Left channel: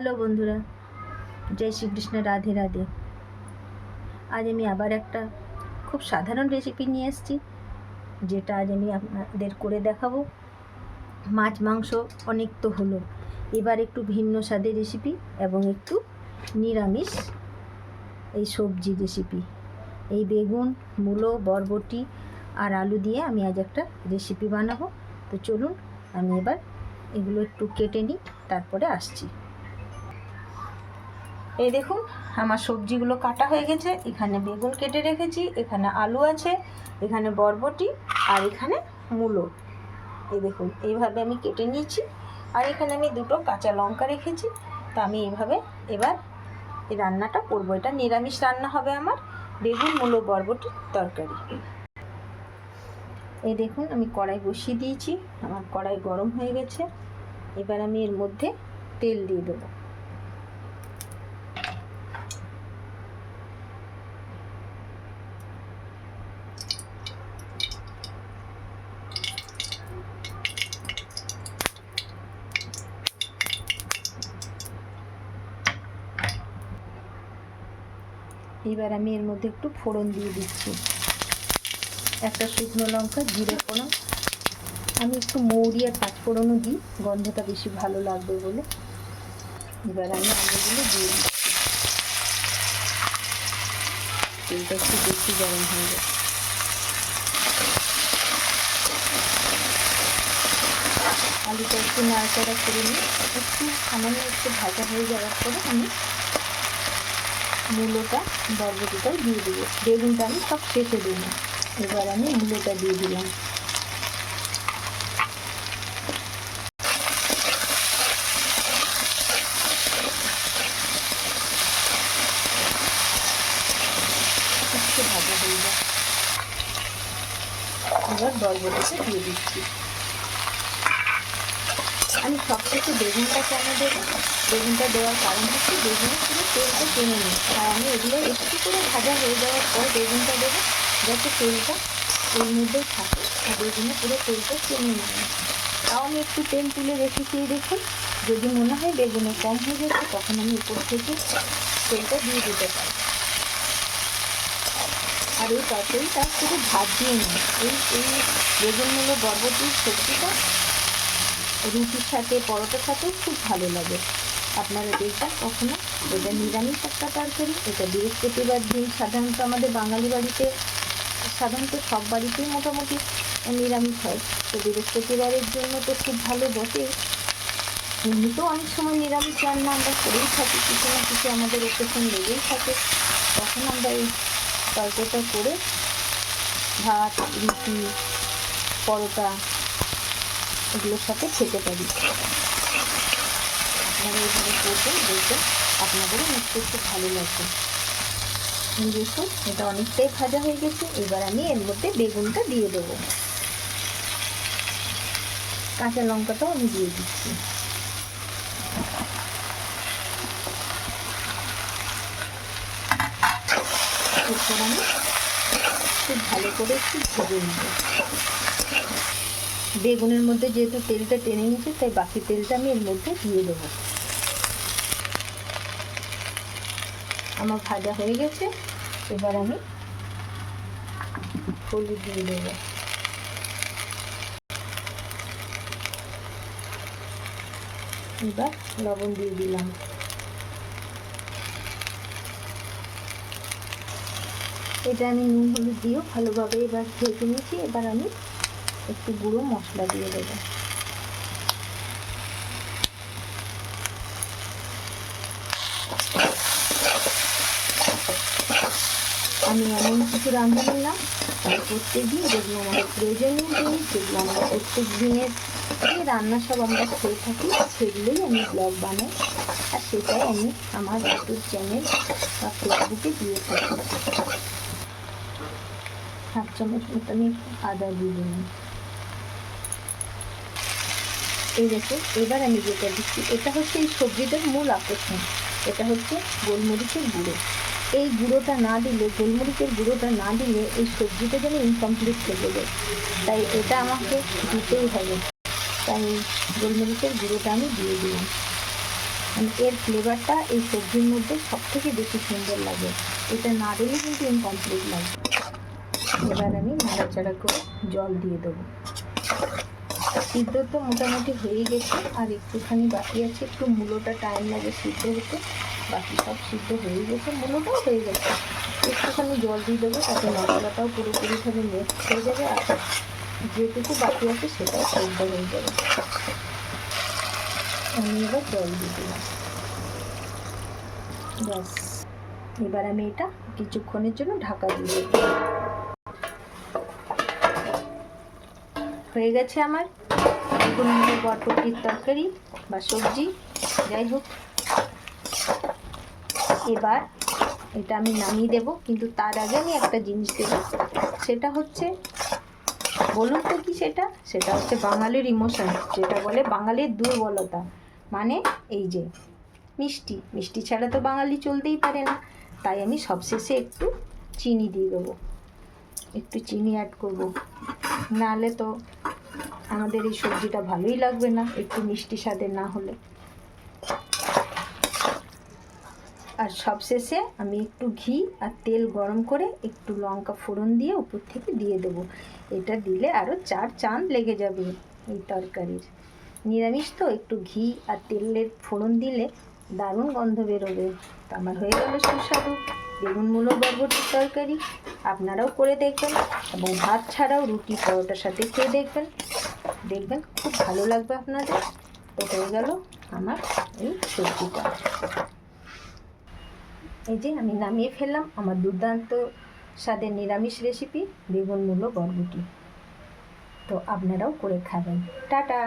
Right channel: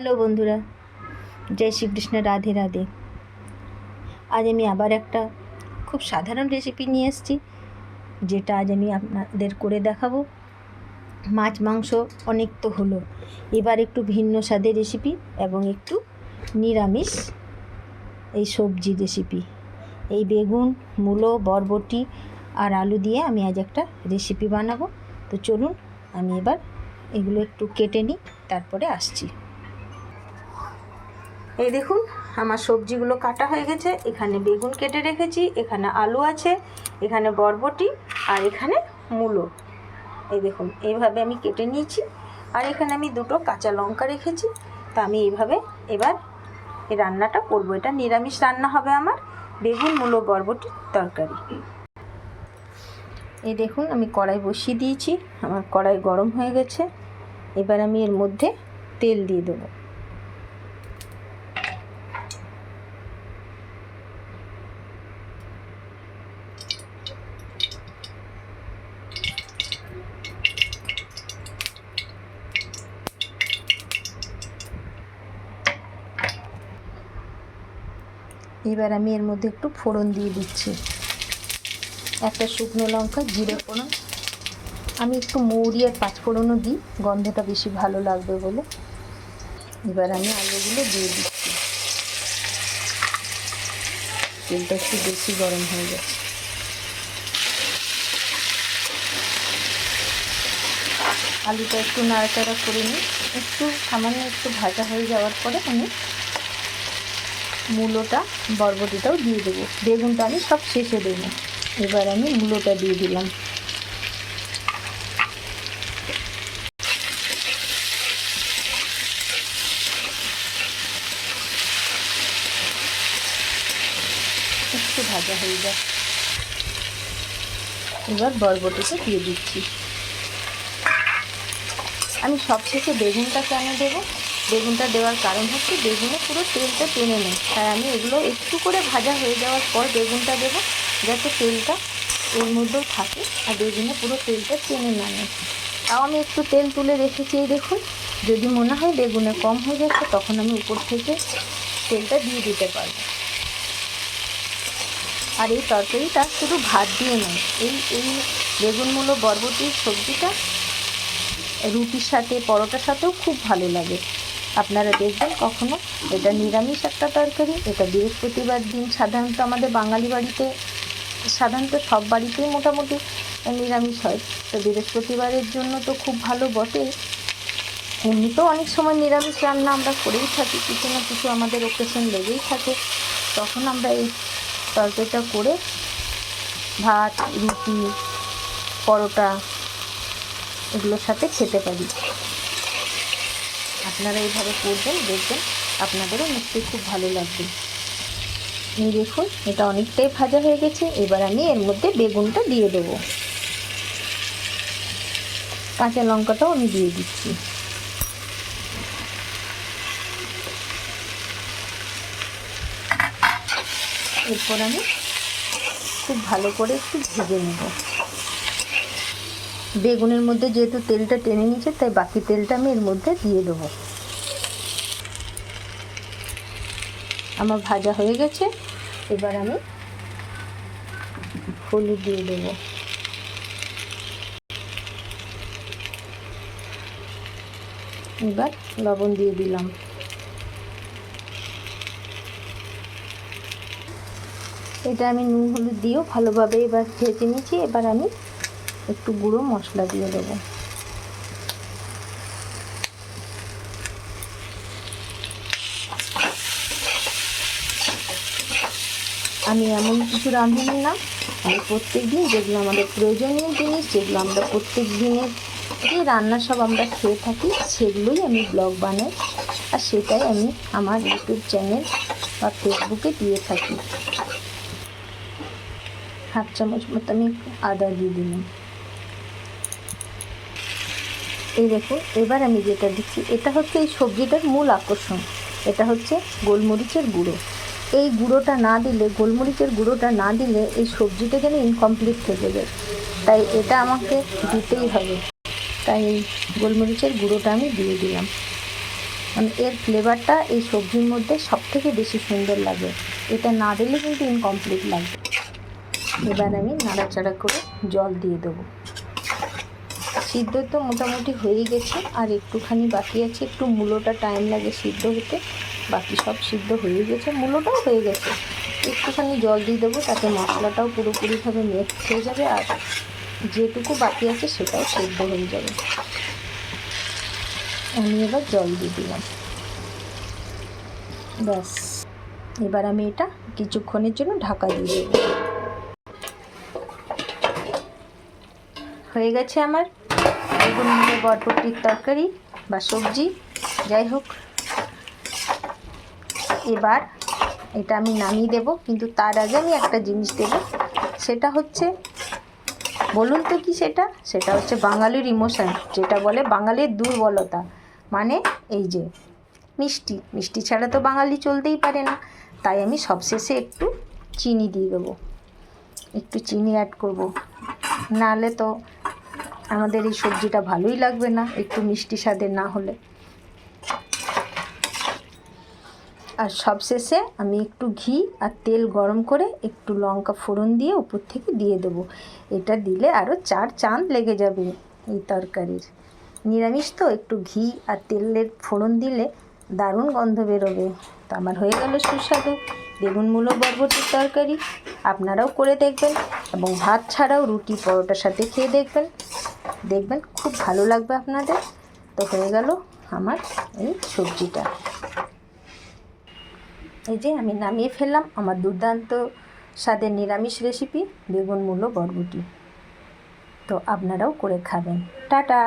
Hello বন্ধুরা, জয় শ্রীকৃষ্ণ, রাধে রাধে। আজ আমি আবার একটা খুব সাধারণ রেসিপি নিয়ে এসেছি, যেটা আজ আমি আপনাদের করে দেখাবো। মাছ মাংস অনেক তো হলো, এবার একটু ভিন্ন স্বাদের রেসিপি এবং একটু নিরামিষ এই সবজি রেসিপি। এই বেগুন, মূলো, বরবটি আর আলু দিয়ে আমি আজ একটা রেসিপি বানাবো। তো চলুন আমি এবার এগুলো একটু কেটে নিই, তারপরে আসছি। এই দেখুন, আমার সবজিগুলো কাটা হয়ে গেছে। এখানে বেগুন কেটে রেখেছি, এখানে আলু আছে, এখানে বরবটি আর এখানে মূলো। এই দেখুন, এইভাবে আমি কেটে নিয়েছি। আর এখানে আমি দুটো কাঁচা লঙ্কা রেখেছি। তা আমি এইভাবে এবার এই রান্নাটা করবো। এটা নিরামিষ রান্না হবে আমার, বেগুন মূলো বরবটির তরকারি। এই দেখুন, আমি কড়াই বসিয়ে দিয়েছি। আমার কড়াই গরম হয়ে গেছে। এবার আমি এর মধ্যে তেল দিয়ে দেবো। এবার আমি এর মধ্যে একটু ফোড়ন দিয়ে দিচ্ছি। একটা শুকনো লঙ্কা, জিরে ফোড়ন, আমি একটু মৌরি আর পাঁচফোড়নও দিই, গন্ধটা বেশি ভালো লাগবে বলে। এবার আমি আলুগুলো দিয়ে দিচ্ছি। তেলটা একটু বেশি গরম হয়ে যায়। আলুটা একটু নাড়াচাড়া করে নিই। একটু সামান্য একটু ভাজা হয়ে যাওয়ার পরে আমি মূলোটা, বরবটিটাও দিয়ে দেবো। বেগুনটা আমি সব শেষে দেব। এবার আমি মূলোটা দিয়ে দিলাম। একটু ভাজা হয়ে যায়। এবার বরবটিটা দিয়ে দিচ্ছি। আমি সবশেষে বেগুনটা কেন দেবো? বেগুনটা দেওয়ার কারণ হচ্ছে বেগুনে পুরো তেলটা টেনে নেয়। তাই আমি এগুলো একটু করে ভাজা হয়ে যাওয়ার পর বেগুনটা দেবো, যাতে তেলটা এর মধ্যেও থাকে আর বেগুনে পুরো তেলটা টেনে নেয়। তাও আমি একটু তেল তুলে রেখেছি। এই দেখুন, যদি মনে হয় বেগুনে কম হয়ে যাচ্ছে, তখন আমি উপর থেকে তেলটা দিয়ে দিতে পারি। আর এই তরকারিটা শুধু ভাত দিয়ে নয়, এই বেগুন মূলো বরবটির সবজিটা রুটির সাথে, পরোটার সাথেও খুব ভালো লাগে। আপনারা দেখবেন কখনো। এটা নিরামিষ একটা তরকারি। এটা বৃহস্পতিবার দিন সাধারণত আমাদের বাঙালি বাড়িতে, সাধারণত সব বাড়িতেই মোটামুটি নিরামিষ হয়। তো বৃহস্পতিবারের জন্য তো খুব ভালো বটে। এমনিতেও অনেক সময় নিরামিষ রান্না আমরা করেই থাকি, কিছু না কিছু আমাদের অকেশন লেগেই থাকে। তখন আমরা এই তরকারিটা করে ভাত, রুটি, পরোটা এগুলোর সাথে খেতে পারি। আপনারা এইভাবে করবেন, দেখবেন আপনাদেরও নিশ্চয়ই খুব ভালো লাগবে। দেখুন, এটা অনেকটাই ভাজা হয়ে গেছে। এবার আমি এর মধ্যে বেগুনটা দিয়ে দেবো। কাঁচা লঙ্কাটাও আমি দিয়ে দিচ্ছি। এরপর আমি খুব ভালো করে একটু ভেজে নেব। বেগুনের মধ্যে যেহেতু তেলটা টেনে নিচ্ছে, তাই বাকি তেলটা আমি এর মধ্যে দিয়ে দেবো। আমার ভাজা হয়ে গেছে। এবার আমি হলুদ দিয়ে দেবো। এবার লবণ দিয়ে দিলাম। এটা আমি নুন হলুদ দিয়েও ভালোভাবে এবার ভেজে নিয়েছি। এবার আমি একটু গুঁড়ো মশলা দিয়ে দেবো। আমি এমন কিছু রাঁধুনি না, আমি প্রত্যেক দিন যেগুলো আমাদের প্রয়োজনীয় জিনিস, যেগুলো আমরা প্রত্যেক দিনের যে রান্না সব আমরা খেয়ে থাকি, সেগুলোই আমি ব্লগ বানাই। আর সেটাই আমি আমার ইউটিউব চ্যানেল বা ফেসবুকে দিয়ে থাকি। হাফ চামচ মতো আমি আদা দিয়ে দিলাম। এই দেখুন, এবার আমি যেটা দিচ্ছি, এটা হচ্ছে এই সবজিটার মূল আকর্ষণ। এটা হচ্ছে গোলমরিচের গুঁড়ো। এই গুঁড়োটা না দিলে, গোলমরিচের গুঁড়োটা না দিলে এই সবজিটা যেন ইনকমপ্লিট থেকে যায়। তাই এটা আমাকে দিতেই হবে। তাই এই গোলমরিচের গুঁড়োটা আমি দিয়ে দিলাম। মানে এর ফ্লেভারটা এই সবজির মধ্যে সবথেকে বেশি সুন্দর লাগে। এটা না দিলে কিন্তু ইনকমপ্লিট লাগবে। এবার আমি নাড়াচাড়া করে জল দিয়ে দেবো। সিদ্ধ তো মোটামুটি হয়েই গেছে, আর একটুখানি বাকি আছে। একটু মূলোটা টাইম লাগে সিদ্ধ হতে, বাকি সব সিদ্ধ হয়ে গেছে, মূলোটাও হয়ে গেছে। একটুখানি জল দিয়ে দেবো, তাতে মশলাটাও পুরোপুরিভাবে মিক্স হয়ে যাবে, আর যেটুকু বাকি আছে সেটাও সিদ্ধ হয়ে যাবে। আমি এবার জল দিয়ে দিলাম, ব্যাস। এবার আমি এটা কিছুক্ষণের জন্য ঢাকা দিয়ে দেব। হয়ে গেছে আমার বেগুন মুলো বরবটির তরকারি বা সবজি, যাই হোক। এবার এটা আমি নামিয়ে দেব, কিন্তু তার আগে আমি একটা জিনিস দেব। সেটা হচ্ছে, বলুন তো কি সেটা? সেটা হচ্ছে বাঙালির ইমোশন, যেটা বলে বাঙালির দুর্বলতা। মানে এই যে মিষ্টি, মিষ্টি ছাড়া তো বাঙালি চলতেই পারে না। তাই আমি সবশেষে একটু চিনি দিয়ে দেবো, একটু চিনি অ্যাড করব, নাহলে তো আমাদের এই সবজিটা ভালোই লাগবে না একটু মিষ্টি স্বাদের না হলে। আর সবশেষে আমি একটু ঘি আর তেল গরম করে একটু লঙ্কা ফোড়ন দিয়ে উপর থেকে দিয়ে দেবো। এটা দিলে আরও 4 চাঁদ লেগে যাবে এই তরকারির। নিরামিষ তো, একটু ঘি আর তেলের ফোড়ন দিলে দারুণ গন্ধ বেরোবে। তো আমার হয়ে গেল সুস্বাদু বেগুন মূলো বরবটির তরকারি। আপনারাও করে দেখবেন, এবং ভাত ছাড়াও রুটি পরোটার সাথে খেয়ে দেখবেন, দেখবেন খুব ভালো লাগবে আপনাদের। তো হয়ে গেল আমার এই সবজিটা। এই যে আমি নামিয়ে ফেললাম আমার দুর্দান্ত স্বাদের নিরামিষ রেসিপি বেগুন মূলো বরবটি। তো আপনারাও করে খাবেন। টাটা।